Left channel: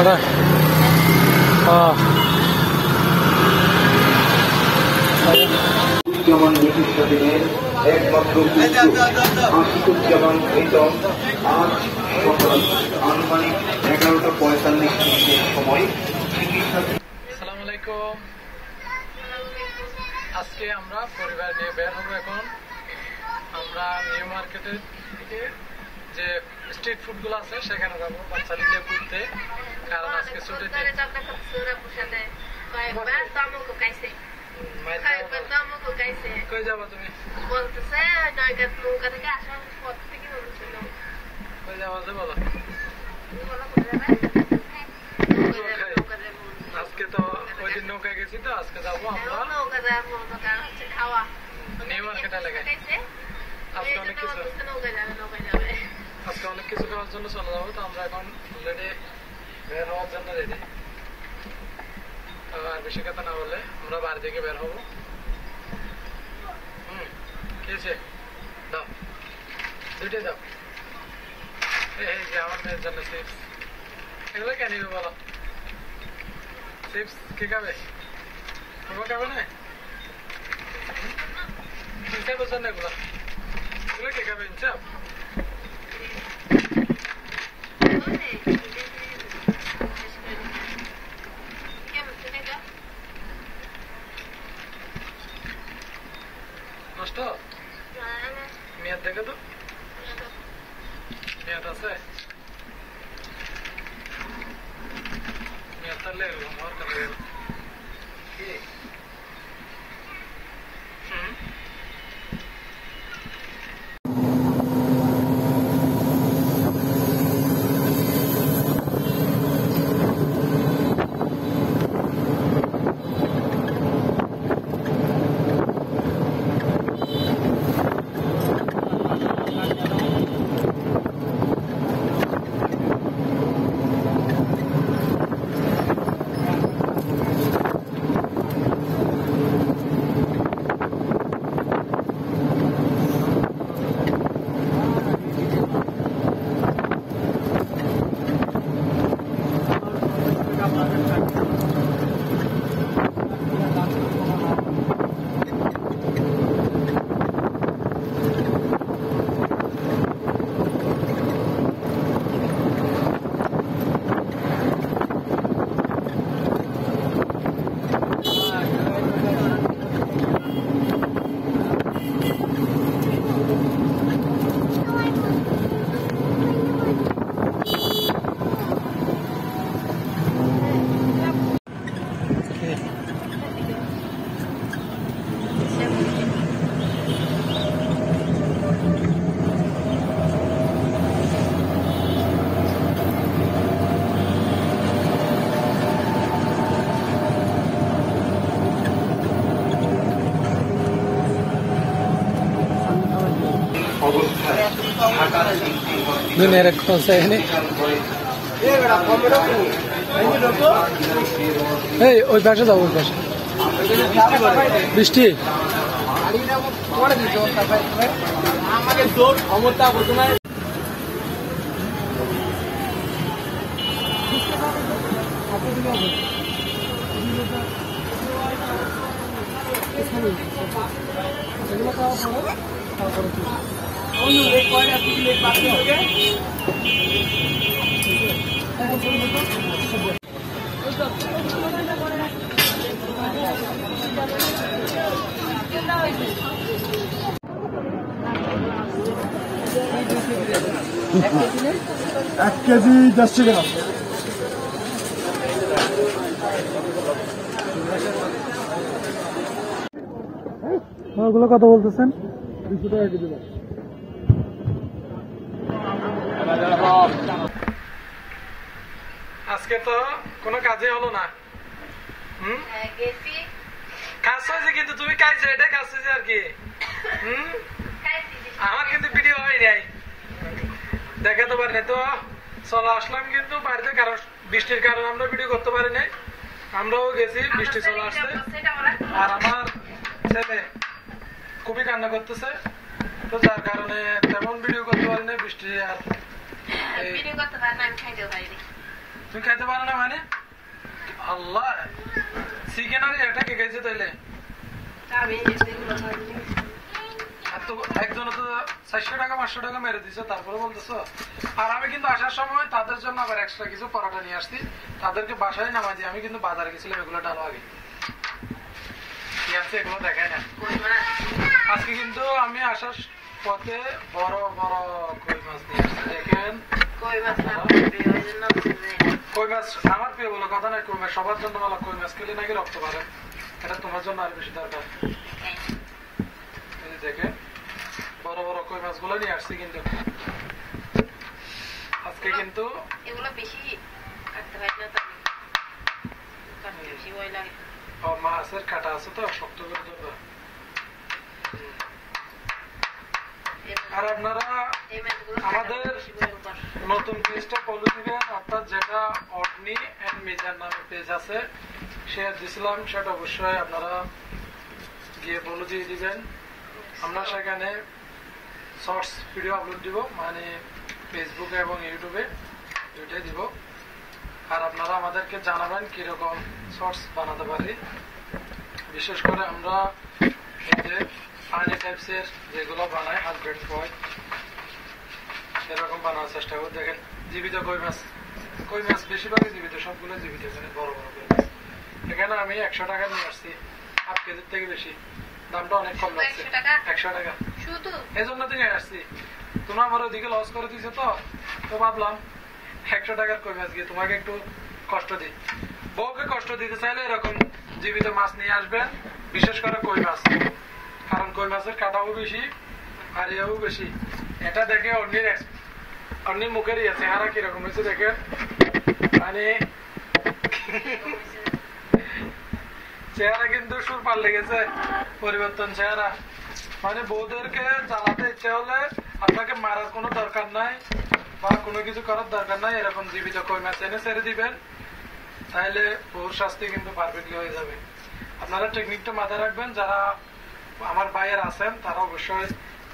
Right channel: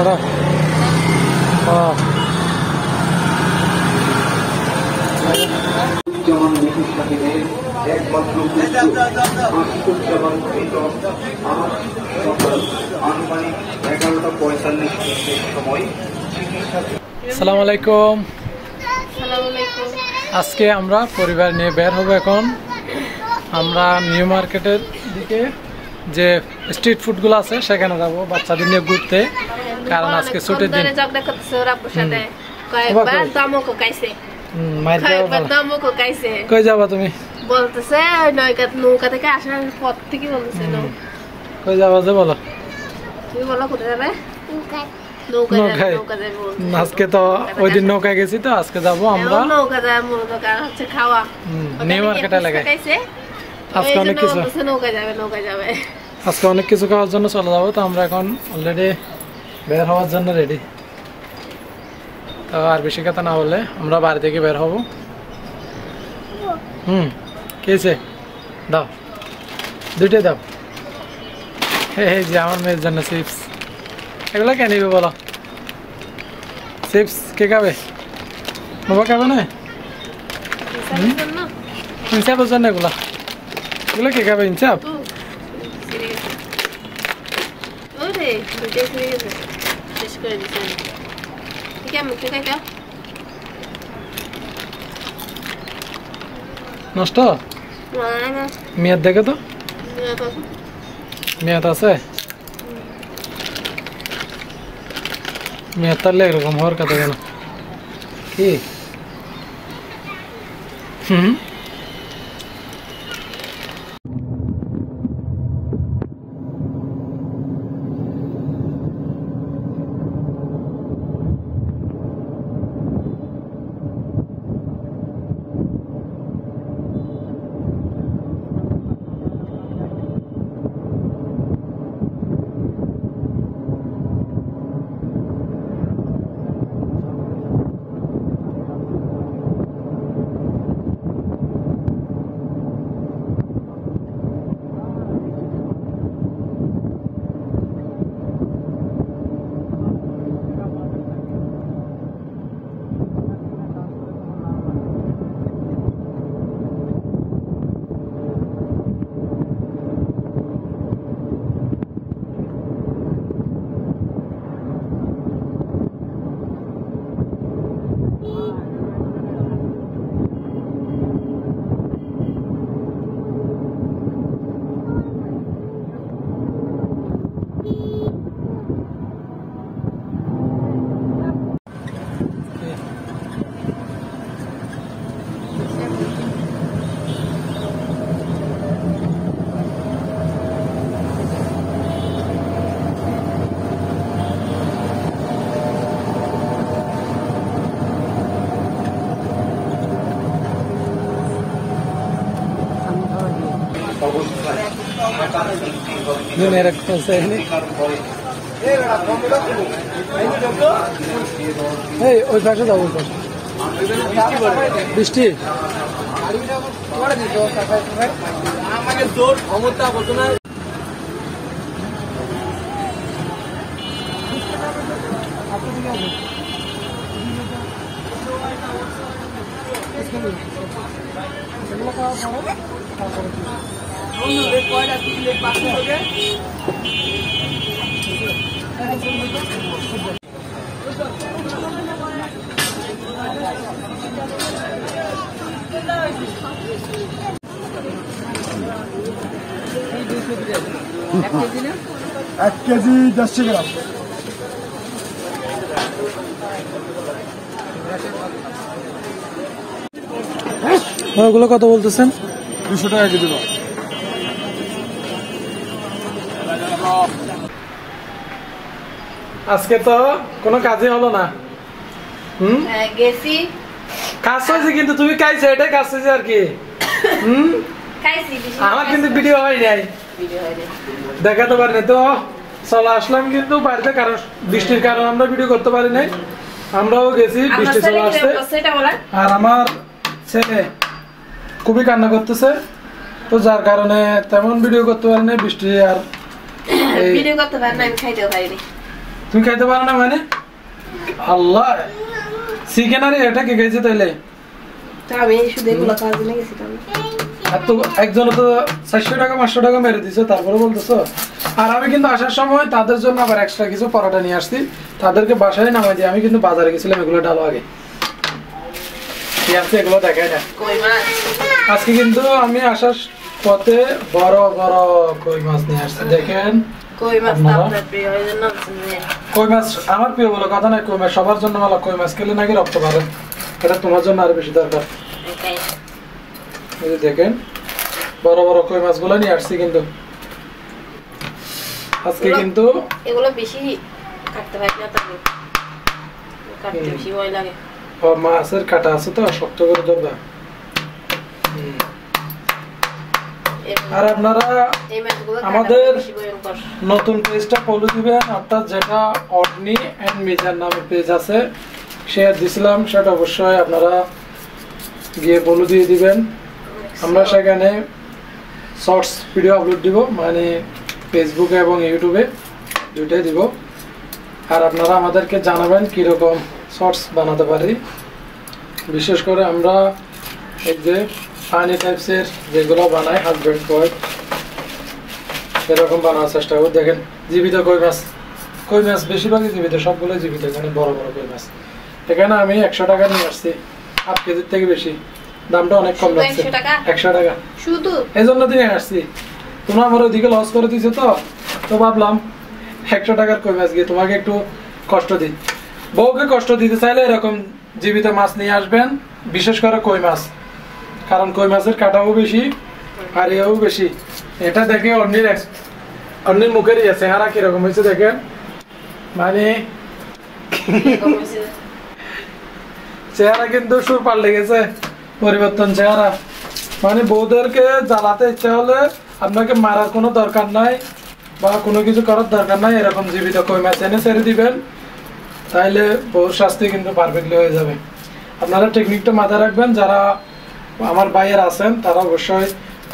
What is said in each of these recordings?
ada যেমন British শাসনের একমাত্র যেমন আজ সকাল আনুমানিক 11:45 সময়। আসসালামু আলাইকুম। আজকে আমরা পরিবার নিয়ে বের হব। এখন আমরা নিউ মার্কেটের দিকে যে স্ট্রিট ফুডগুলো আছে সেখানে যাব বাচ্চাদের নিয়ে ঘুরতে, কারণ আজকে ছুটির দিন। কই যাবা তুমি? বলতেছে নৌকা থেকে আসার পথ থেকে বলতেছে। কই যাবা যে বলো? তুমি বলো কোথায় যাবে? আজকে তো ওই দিন নৌকায় গেছি, তো আজকে যাবো আমরা নৌকা যাবো। নৌকা হচ্ছে খাওয়া নিউ মার্কেট এলাকায়। আজকে অনেক কিছু নৌকা যাবে আজকে অনেক কিছু খাওয়ার জন্য চলে যাবো। তো আমরা এখন অলরেডি বের হওয়ার জন্য রেডি। তো আর বেশি কথা না বলে আমরা বাড়ি থেকে বের হব। কেছে দাও, দুইটাই দাও। এই যে আমার মেয়ের জন্য চিপস। এগুলো কে নিবে বলো? চিপস কে খাবে? বাবা খাবে না? ইনসাফের জন্য এগুলো এগুলো কে খাবে? ইনসাফ নষ্ট মেয়াদ দেখে তো মেয়াদ আছে। মেয়াদ তাহলে এরকম হওয়ার কথা কেন? কি দুনিয়ার কোন সাইনে এই ওই পাশে যাও, ওই পাশে বৃষ্টি এক কেজি 100 গ্রাম। ওগুলো কত বলতেছেন? 200 টাকা কেজি। আজকে তো কোনো কাজই হলো না। গেছি কাজ হয়েছে, কিন্তু তুমি খাইছো, এটাই কাজ হয়েছে আর কি। আমার কিন্তু ভিডিও হয় নাই, দেখাতে পারিনি। তো চলে আসলাম কিন্তু বাড়িতে, কারণ বৃষ্টির কারণে আমরা ভিডিও করতে পারি নাই। আমরাও গেছি, বৃষ্টি চলে আসছে। আর আমার ছেলে খুবই কান্না করতেছে, তো যার কারণে তেমন ভিডিও করতে পারি না। বৃষ্টি আর ভিডিও করতে পারি না, আমি খাইতেও পারিনি। তুমি খাইতে পারো না মানে? আল্লাহ, চিকেন আর এটা কে খাইছে তাইলে? আমি শুধু এগুলো খাওয়ার জন্য গেছিলাম। এত একজন তো 400 টাকা 500 টাকা মেরে দিছো, তারপরে বলতেছো। আর আমি কিন্তু আসার সময় তাদের জন্য আবার এক্সট্রা কিছু পরোটা নিয়ে আসছি, তাদেরকে বাসায় নামাই দিই। আমি কিন্তু বাজারে গেছিলাম এগুলো ডালো আগে, কি আছে এগুলো দেখাই না। আজকে কিন্তু আমি আসার পথে বড় বড় কই মাছ নিয়ে আসছি, দেখেন। কই মাছ আপনার প্রিয় হয় জন্য কই মাছ আমার প্রিয় বলে কথা নাই, কই মাছ সবার জন্য ভালো। কই মাছ খেলে নাকি রক্ত বাড়ে, এটা তোমার জন্য আরো বেশি দরকার। এই যে দেখেন বড় বড় কই মাছগুলো নিয়ে আসছি কিন্তু আজকে। কিন্তু এগুলো বেশি কাটতে পারি না, তবে কাটতে বেশি ভয় লাগে। মাছের কাটা আছে তো, শক্ত করে ধরবে। আর আপনারা আমাদের নতুন পেজটা ফলো দিবেন, অর্থাৎ যেটা অডনি এন্ড মিজান নামে পেজ আছে, শেয়ার দিছিলাম, সেটা অবশ্যই আপনারা গিয়ে ফলো দিয়ে দিবেন। আমরা সেখানে শর্টস ভিডিও আপলোড দিব, মানে ফেসবুকে এবং ইউটিউবে দুইটাই দিব। আর আপনারা আমাদেরকে জানাবেন কীরকম শর্টস বানাতে পারি। বিশেষ করে আমরা এই যে ফানি টাইপসের যেগুলো বানাই, হাজব্যান্ড ওয়াইফ, সেরকম বানানোর চেষ্টা করব। দেখেন জীবিত কই মাছ, কই মাছ বেশিরভাগই জীবিত, সবগুলো জীবিত। এখানে বড় বড় কই মাছ, এখানে আমি 100 টাকা নিয়ে আসছি, 8 কেজির থেকে বেশি। দামটা অনেক কম লাগছে, 100 টাকা শুধু। এই জন্য দিয়ে আসছি। তোমরা আমার ওদিকে লস করে দিছো তো ভাবলাম 100 টাকার কই মাছ গিয়ে তোমাকে একটু কষ্ট দিই। বউকে কষ্ট দিতে চাইলে এরকম জীবিত মাছ নিয়ে আসবেন, বিশেষ করে কই মাছ, কারণ কই মাছের কাটাও বেশি আর এও বেশি। এটা দেখে অন্যের মুখের চেহারা কিরকম হয়েছে দেখেন, মানে চেহারা কিন্তু সুর পাল্টে গেছে, পরিবর্তন চেহারা। মানে বউদেরকে জ্বালাতে ইচ্ছা হলে আপনাকে মারার কোনো দরকার নাই বা কোনো কিছু করার দরকার নাই, এরকম জীবিত কই মাছ এনে ছেড়ে দিবেন, তাইলে বউর শাস্তি কিন্তু পারফেক্টলি হয়ে যাবে। আপনারা টেকনিকটা মাথায় রাখবেন। যারা আমার ভাইয়ের আছেন তারা অবশ্যই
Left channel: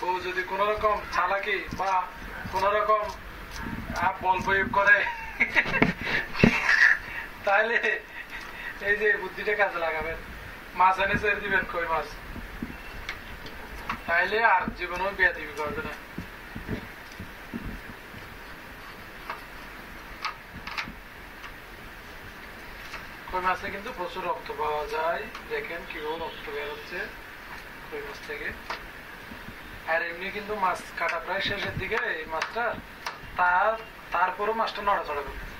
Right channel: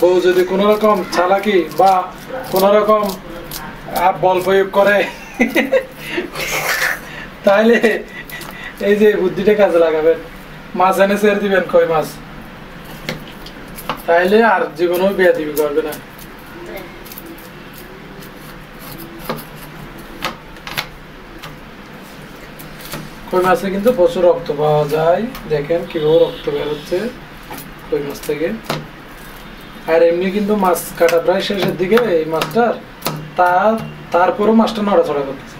বউ যদি কোনো রকম চালাকি বা কোনো রকম বল প্রয়োগ করে তাহলে এই যে বুদ্ধিটা কাজে লাগাবেন, মাছ এনে ছেড়ে দিবেন কই মাছ, তাইলে আর জীবনেও বিয়ে দিবি করবে না। কই মাছে কিন্তু প্রচুর রক্ত পাওয়া যায়, দেখেন কিভাবে রক্ত বের হচ্ছে কই মাছ থেকে। আর এমনি কিন্তু মাছ কাটা প্রায় শেষের দিকে এই মাছটার, তারপরও মাছটা নড়াচড়া করতেছে।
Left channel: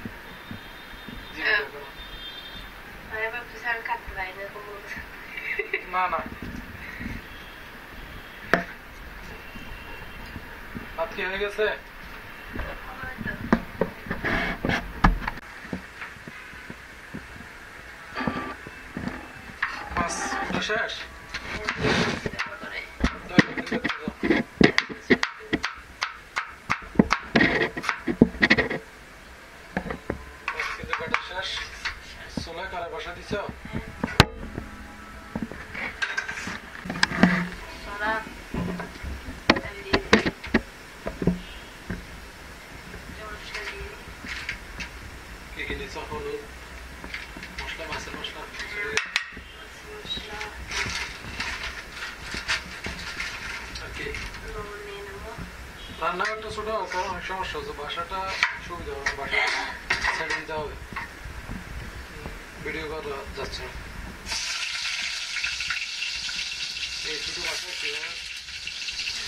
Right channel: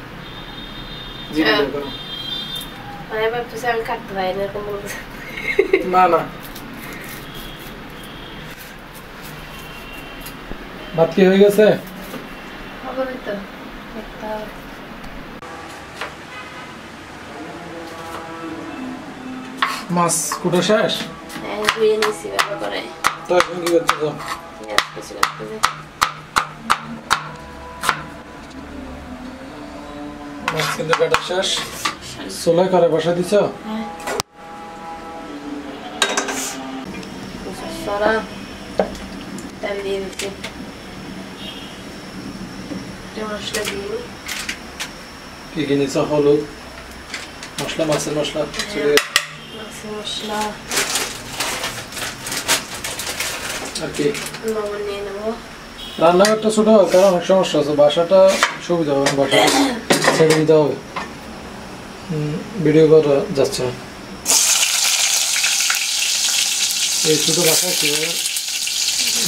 না না, ভাত কি হয়ে গেছে? মাছ কুটা শেষ? তো এখন কি করতে চাও? মাছ কিন্তু কাটা শেষ, চুলায় করে বসা দিছ? কি কি নিছ? হলুদ, মশলা, মাছের মশলা, মশলা আর কি লবণ নিয়ে নেবো। রান্নাঘরটা ছোট হবে কারণ অনেক সমস্যা আছে, বাসাটা সুবিধা হবে না, বাসাটা ছেড়ে দিতে হবে, ভিডিও করা যাচ্ছে না। এই ছোট বাসায় কীভাবে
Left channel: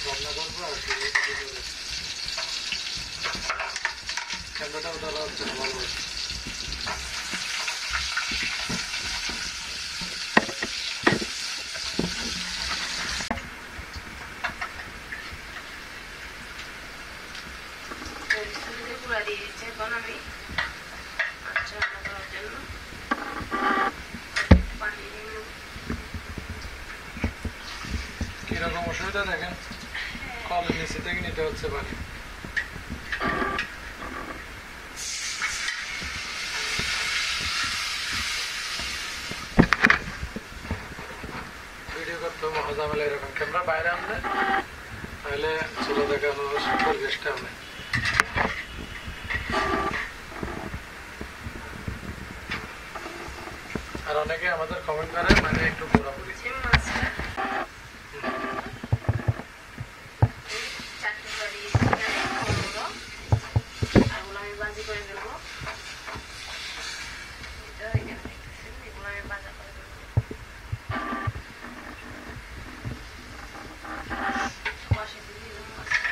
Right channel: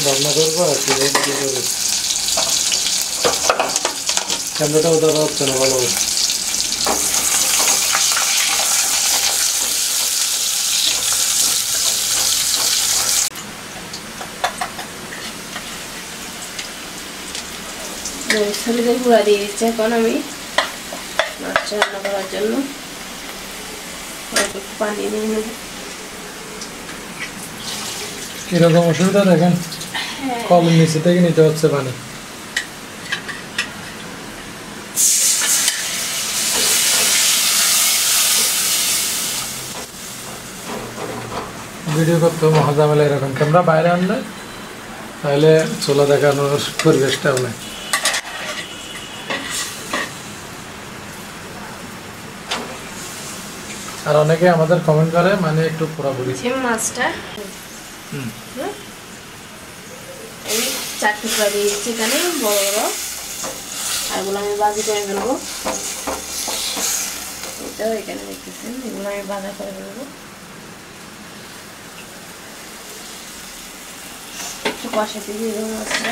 রান্না করবো আর কীভাবে ভিডিও করবো, ক্যামেরাটাও ধরা হচ্ছে না ভালোভাবে। সরিষার গুঁড়া দিয়ে দিচ্ছি এখন আমি মাছটা রান্না করার জন্য। পানি নিয়ে নেব। কিরকম অসুবিধা দেখেন, কলের নিচে থেকে নিতে হচ্ছে পানি। ভিডিও করতে মহাজামেলা এরকম, ক্যামেরা বাইরে আনলে তাহলে চুলা দেখানোর পরিবেশটাও নেই। আর অনেকে আমাদের কমেন্ট করে মানে একটু পুরোপুরি শিম মাছটা এই 4 টুকরা দিয়ে দিচ্ছি এখানে বড় বড়, আর এগুলো আমি ভাজি করে ফেলবো। এটাও এখানে দেখতেছেন, এগুলো আমি ভাজা করে ফেলবো। একটু কষা দিয়ে দেবো মাছটা।